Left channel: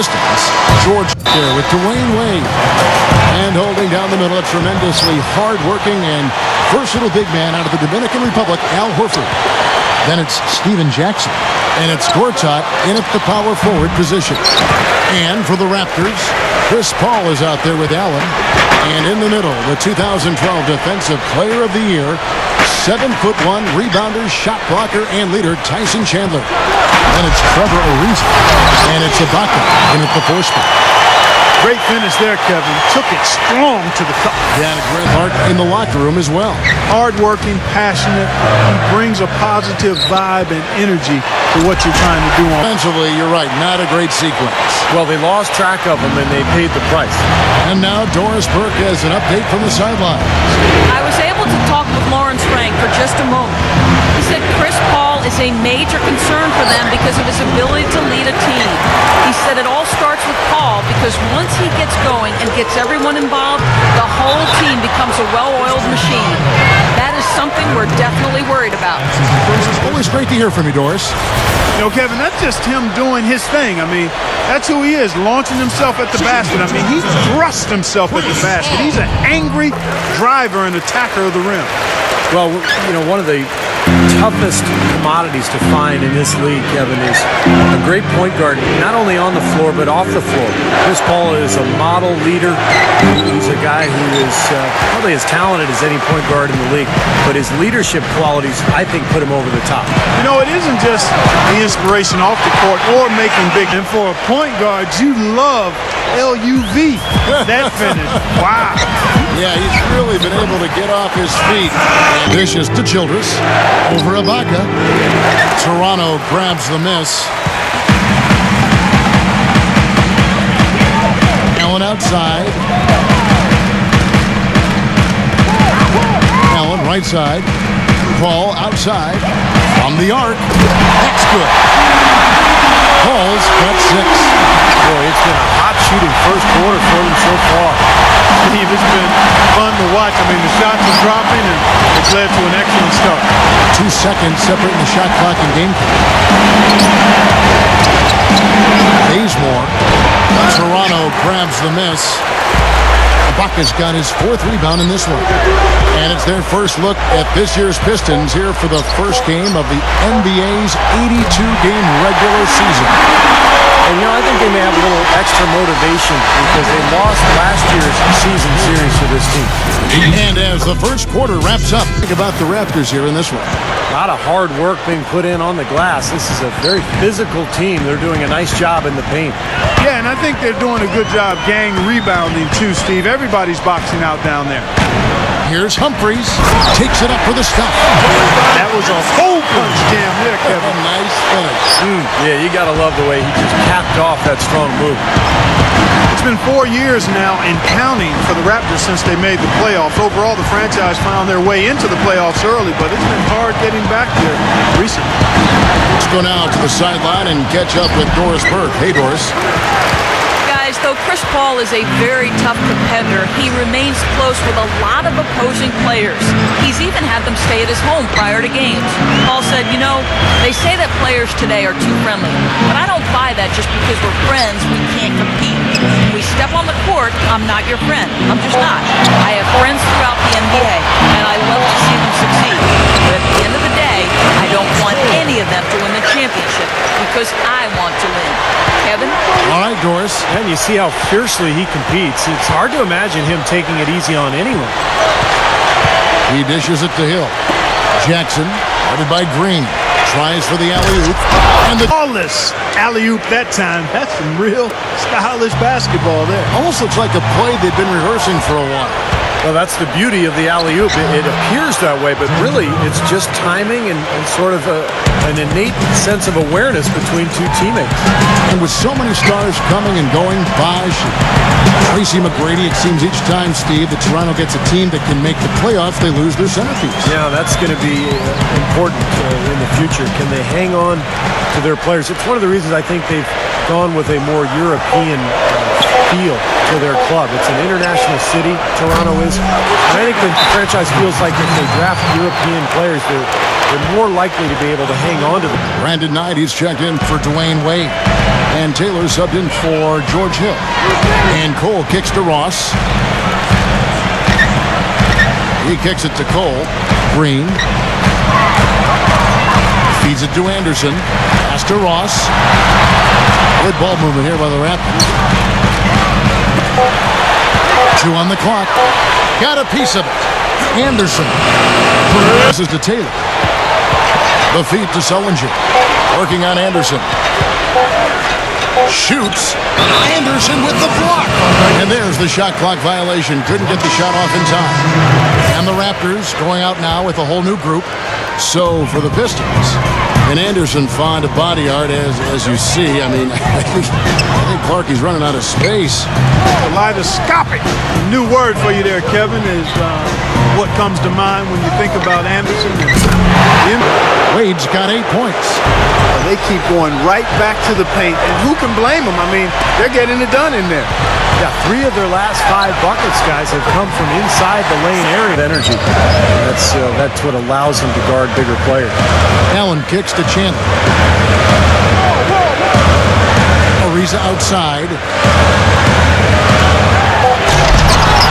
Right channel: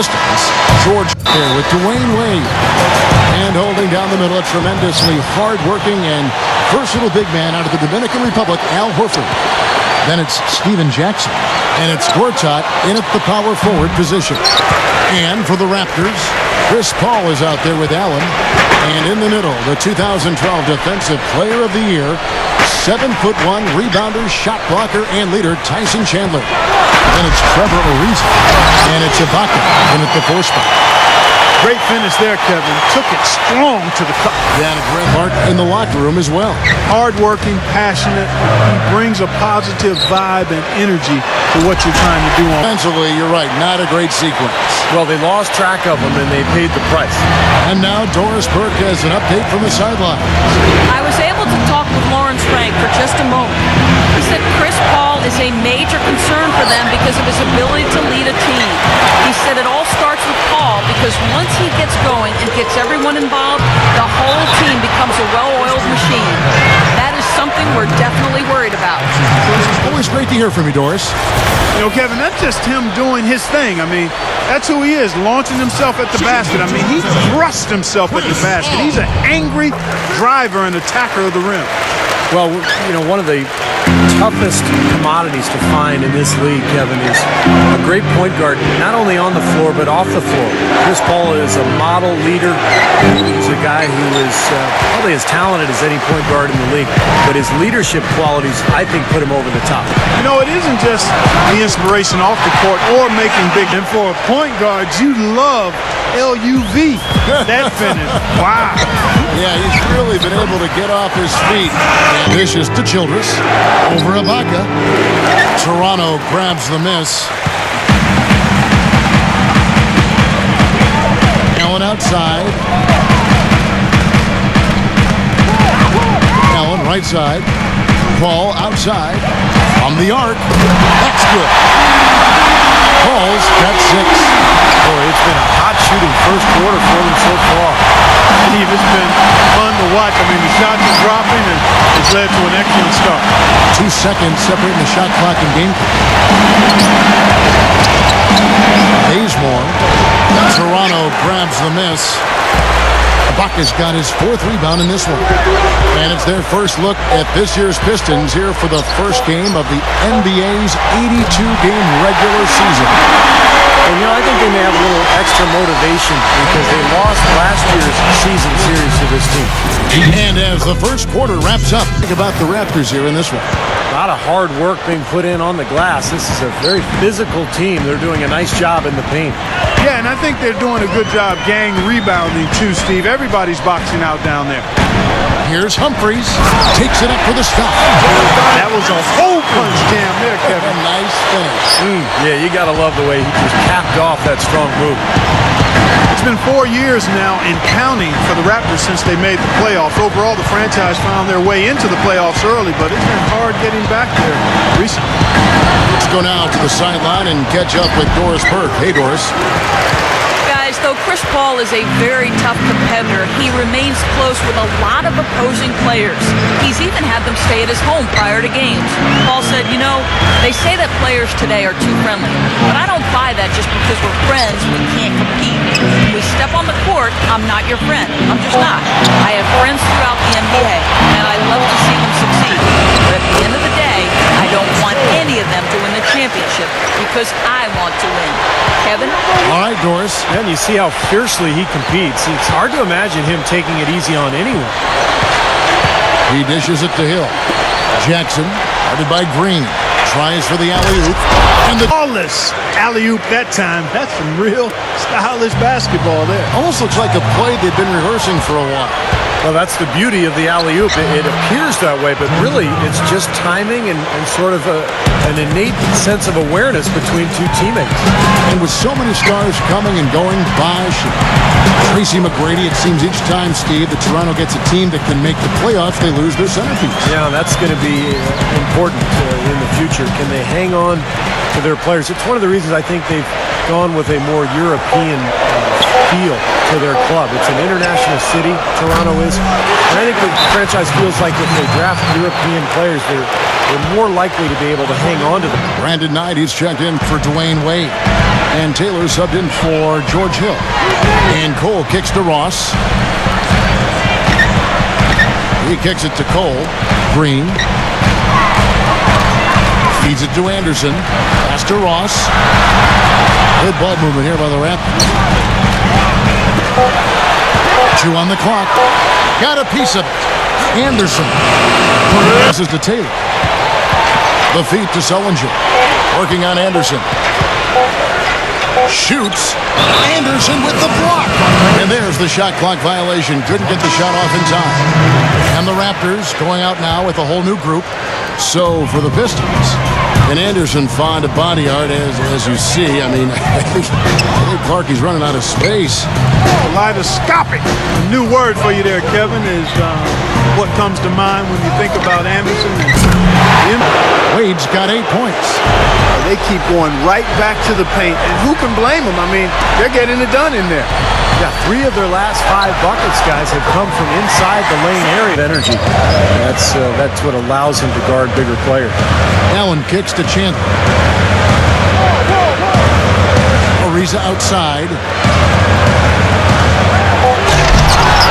Pistons. George there with Dwayne Wade. And holding down the middle, a tremendously hard-working and versatile big man out of the Dominican Republic, Al Horford. Then it's Steven Jackson. And it's Gortat in at the power forward position. And for the Raptors, Chris Paul is out there with Allen. And in the middle, the 2012 Defensive Player of the Year, 7'1" rebounder, shot blocker, and leader, Tyson Chandler. Then it's Trevor Ariza. And it's Ibaka in at the 4 spot. Great finish there, Kevin. Took it strong to the cup. Yeah, and Greg Hart in the locker room as well. Hardworking, passionate. He brings a positive vibe and energy to what you're trying to do. Offensively, you're right, not a great sequence. Well, they lost track of him, and they paid the price. And now Doris Burke has an update from the sidelines. I was able to talk with Lawrence Frank for just a moment. He said Chris Paul is a major concern for them because of his ability to lead a team. He said it all starts with Paul because once he gets going and gets everyone involved, the whole team becomes a well-oiled machine. That is something we're definitely worried about. Always great to hear from you, Doris. You know, Kevin, that's just him doing his thing. I mean, that's who he is, launching himself at the basket. I mean, he thrusts himself at the basket. He's an angry driver and attacker of the rim. Well, you know, one of the toughest commodities to find in this league, Kevin, is a great point guard, not only on the floor, but off the floor. Chris Paul is a model leader. He's a guy who is probably as talented as any point guard in the league, but his leadership qualities, I think, put him over the top. You know, it isn't just the inspiration off the court or making big. And for a point guard, you love LUV, that finish. Wow. Yeah, he's really been able to get off his feet. And vicious to Childress. Over Ibaka. Toronto grabs the miss. Allen outside. Allen right side. Paul outside. From the arc. That's good. Paul's got 6. Boy, it's been a hot shooting first quarter for them so far. Steve, it's been fun to watch. I mean, the shots are dropping, and it's led to an excellent start. 2 seconds separating the shot clock and game clock. Bazemore. Toronto grabs the miss. Ibaka's got his 4th rebound in this one. And it's their first look at this year's Pistons here for the first game of the NBA's 82-game regular season. And, you know, I think they may have a little extra motivation because they lost last year's season series to this team. And as the first quarter wraps up, think about the Raptors here in this one. A lot of hard work being put in on the glass. This is a very physical team. They're doing a nice job in the paint. Yeah, and I think they're doing a good job gang rebounding too, Steve. Everybody's boxing out down there. Here's Humphries. Takes it up for the stuff. That was a hole punch jam there, Kevin. A nice finish. Yeah, you got to love the way he just capped off that strong move. It's been 4 years now and counting for the Raptors since they made the playoffs. Overall, the franchise found their way into the playoffs early, but it's been hard getting back there recently. Let's go now to the sideline and catch up with Doris Burke. Hey, Doris. Guys, though Chris Paul is a very tough competitor, he remains close with a lot of opposing players. He's even had them stay at his home prior to games. Paul said, you know, they say that players today are too friendly, but I don't buy that just because we're friends, we can't compete. When we step on the court, I'm not your friend. I'm just not. I have friends throughout the NBA, and I love to see them succeed. But at the end of the day, I don't want any of them to win the championship because I want to win. Kevin? All right, Doris. And you see how fiercely he competes. It's hard to imagine him taking it easy on anyone. He dishes it to Hill. Jackson, guarded by Green. Tries for the alley-oop. And the Flawless alley-oop that time. That's some real stylish basketball there. almost looks like a play they've been rehearsing for a while. Well, that's the beauty of the alley-oop. It appears that way, but really it's just timing and sort of an innate sense of awareness between two teammates. And with so many stars coming and going, Bosh, Tracy McGrady, it seems each time, Steve, that Toronto gets a team that can make the playoffs, they lose their centerpiece. Yeah, that's going to be important in the future. Can they hang on to their players? It's one of the reasons I think they've gone with a more European feel to their club. It's an international city, Toronto is, and I think the franchise feels like if they draft European players, they're more likely to be able to hang on to them. Brandon Knight, he's checked in for Dwayne Wade. And Taylor subbed in for George Hill. And Cole kicks to Ross. He kicks it to Cole. Green. Feeds it to Anderson. Pass to Ross. Good ball movement here by the Raptors. 2 on the clock. Got a piece of it. Anderson. This is to Taylor. The feed to Sullinger. Working on Anderson. Shoots. Anderson with the block. And there's the shot clock violation. Couldn't get the shot off in time. And the Raptors going out now with a whole new group. So for the Pistons, and Anderson found a body art as you see. I mean, I think Clarkie's running out of space. Kaleidoscopic. A new word for you there, Kevin, is what comes to mind when you think about Anderson. And Wade's got 8 points. they keep going right back to the paint, and who can blame them? I mean, they're getting it done in there. Yeah, 3 of their last 5 buckets, guys, have come from inside the lane area. Energy. That's what allows him to guard bigger players. Allen kicks to Chandler. Ariza outside.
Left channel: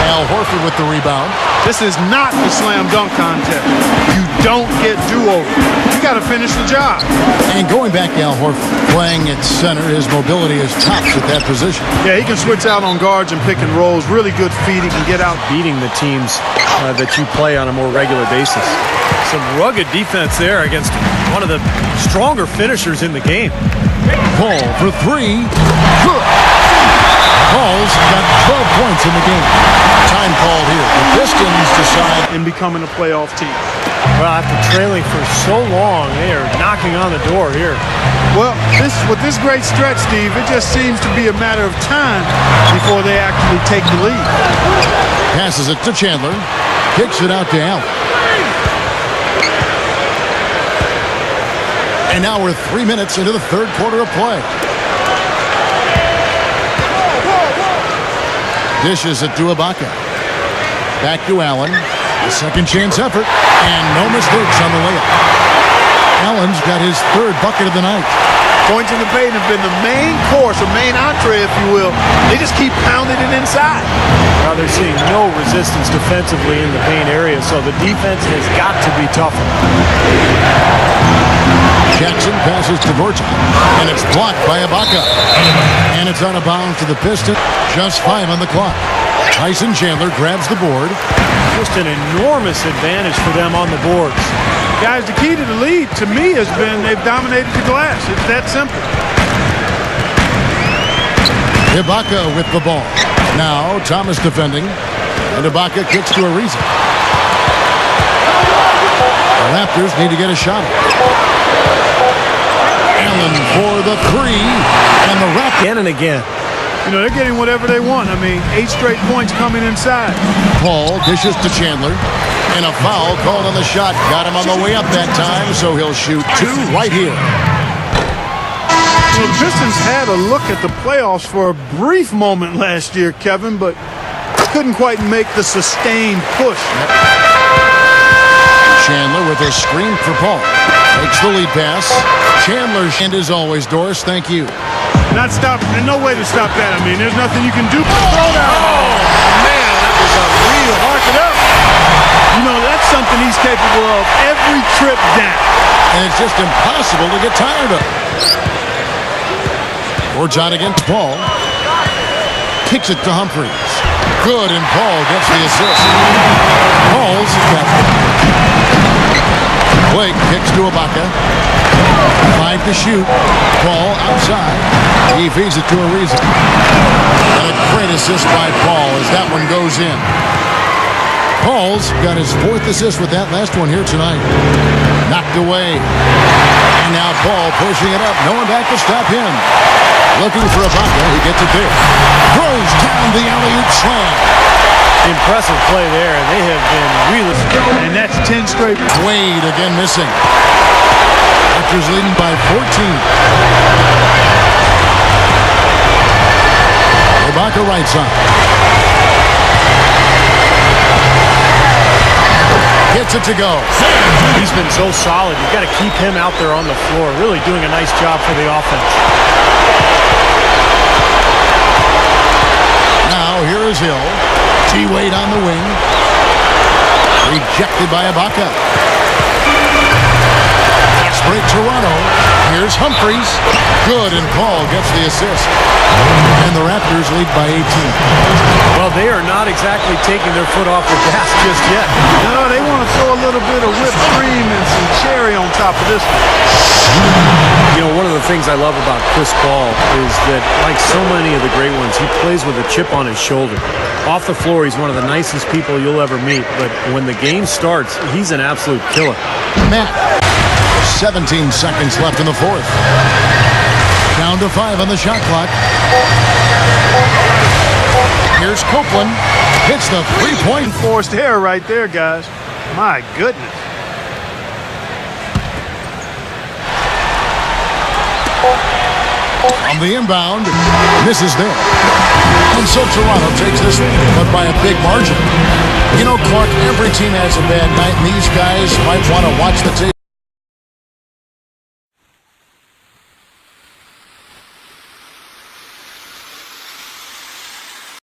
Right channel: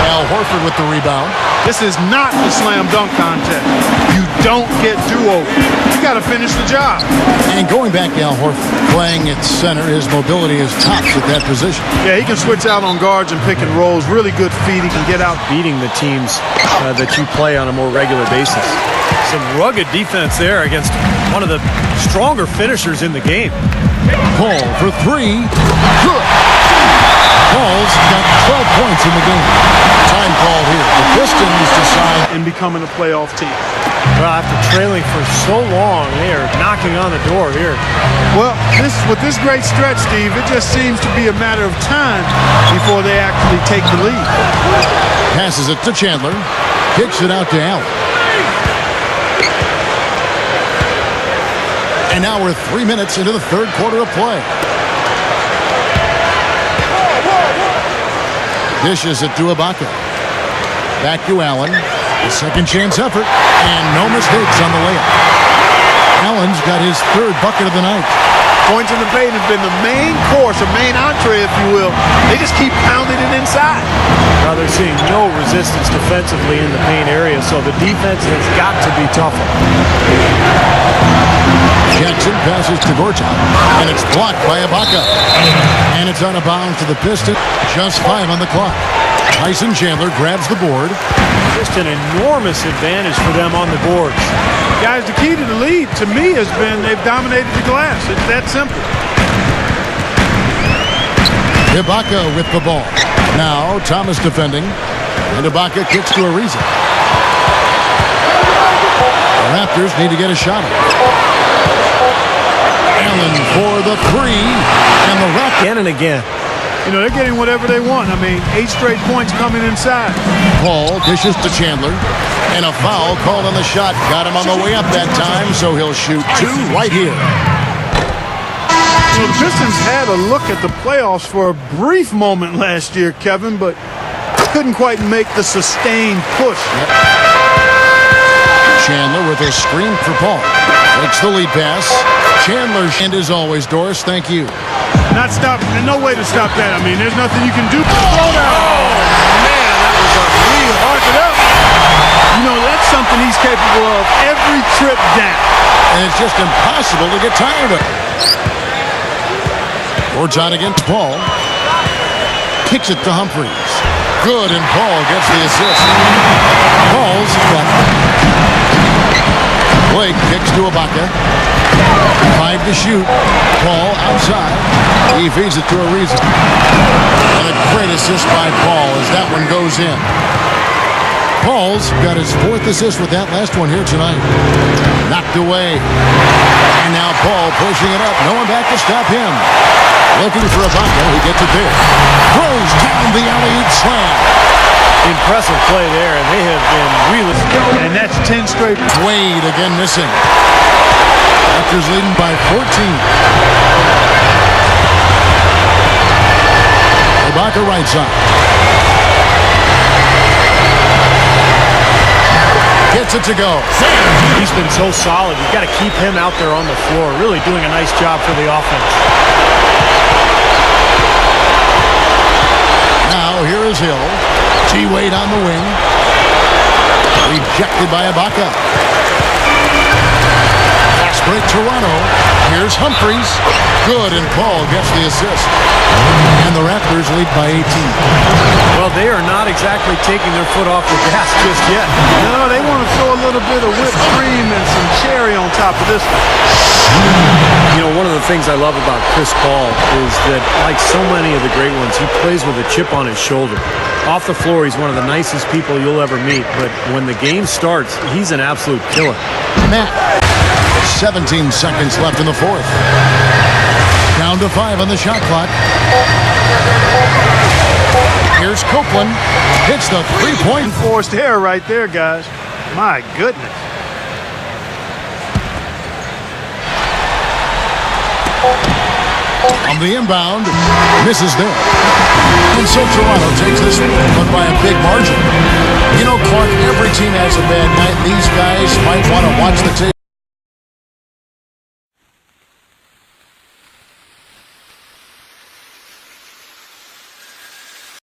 Al Horford with the rebound. This is not the slam dunk contest. You don't get do-over. You got to finish the job. And going back to Al Horford, playing at center, his mobility is tops at that position. Yeah, he can switch out on guards and pick and rolls. Really good feet. He can get out. Beating the teams that you play on a more regular basis. Some rugged defense there against one of the stronger finishers in the game. Paul for 3. Good. Paul's got 12 points in the game. Time called here. The Pistons decide in becoming a playoff team. Well, after trailing for so long, they are knocking on the door here. Well, with this great stretch, Steve, it just seems to be a matter of time before they actually take the lead. Passes it to Chandler. Kicks it out to Allen. And now we're 3 minutes into the third quarter of play. Dishes it to Ibaka. Back to Allen. A second chance effort. And no mistakes on the layup. Allen's got his 3rd bucket of the night. Points in the paint have been the main course, or main entree, if you will. They just keep pounding it inside. Well, they're seeing no resistance defensively in the paint area, so the defense has got to be tougher. Jackson passes to Gortat, and it's blocked by Ibaka. And it's out of bounds to the Pistons. Just 5 on the clock. Tyson Chandler grabs the board. Just an enormous advantage for them on the boards. Guys, the key to the lead, to me, has been they've dominated the glass. It's that simple. Ibaka with the ball. Now Thomas defending. And Ibaka kicks to Ariza. The Raptors need to get a shot off. Allen for the 3. And the Raptors. Again and again. You know, they're getting whatever they want. I mean, 8 straight points coming inside. Paul dishes to Chandler. And a foul called on the shot. Got him on the way up that time, so he'll shoot 2 right here. You know, the Pistons had a look at the playoffs for a brief moment last year, Kevin, but couldn't quite make the sustained push. Yep. Chandler with a screen for Paul. Takes the lead pass. Chandler, and as always, Doris, thank you. Not stopping. There's no way to stop that. I mean, there's nothing you can do. Oh, man, that was unreal. Mark it up. You know, that's something he's capable of every trip down. And it's just impossible to get tired of. Gortat against Paul. Kicks it to Humphries. Good, and Paul gets the assist. Paul's got... Blake kicks to Ibaka. 5 to shoot. Paul outside. He feeds it to Ariza. And a great assist by Paul as that one goes in. Paul's got his 4th assist with that last one here tonight. Knocked away. And now Paul pushing it up. No one back to stop him. Looking for Ibaka. He gets it there. Throws down the alley-oop slam. Impressive play there, and they have been really... And that's 10 straight. Wade again missing. Raptors leading by 14. Ibaka right side. Gets it to go. He's been so solid. You've got to keep him out there on the floor, really doing a nice job for the offense. Now here is Hill. T-Wade on the wing. Rejected by Ibaka. Fast break Toronto. Here's Humphries. Good, and Paul gets the assist. And the Raptors lead by 18. Well, they are not exactly taking their foot off the gas just yet. No, they want to throw a little bit of whipped cream and some cherry on top of this one. You know, one of the things I love about Chris Paul is that, like so many of the great ones, he plays with a chip on his shoulder. Off the floor, he's one of the nicest people you'll ever meet, but when the game starts, he's an absolute killer. Matt, 17 seconds left in the fourth. Down to 5 on the shot clock. Here's Copeland. Hits the three-point. Forced error right there, guys. My goodness. On the inbound, misses there. And so Toronto takes this one, but by a big margin. You know, Clark, every team has a bad night, and these guys might want to watch the tape.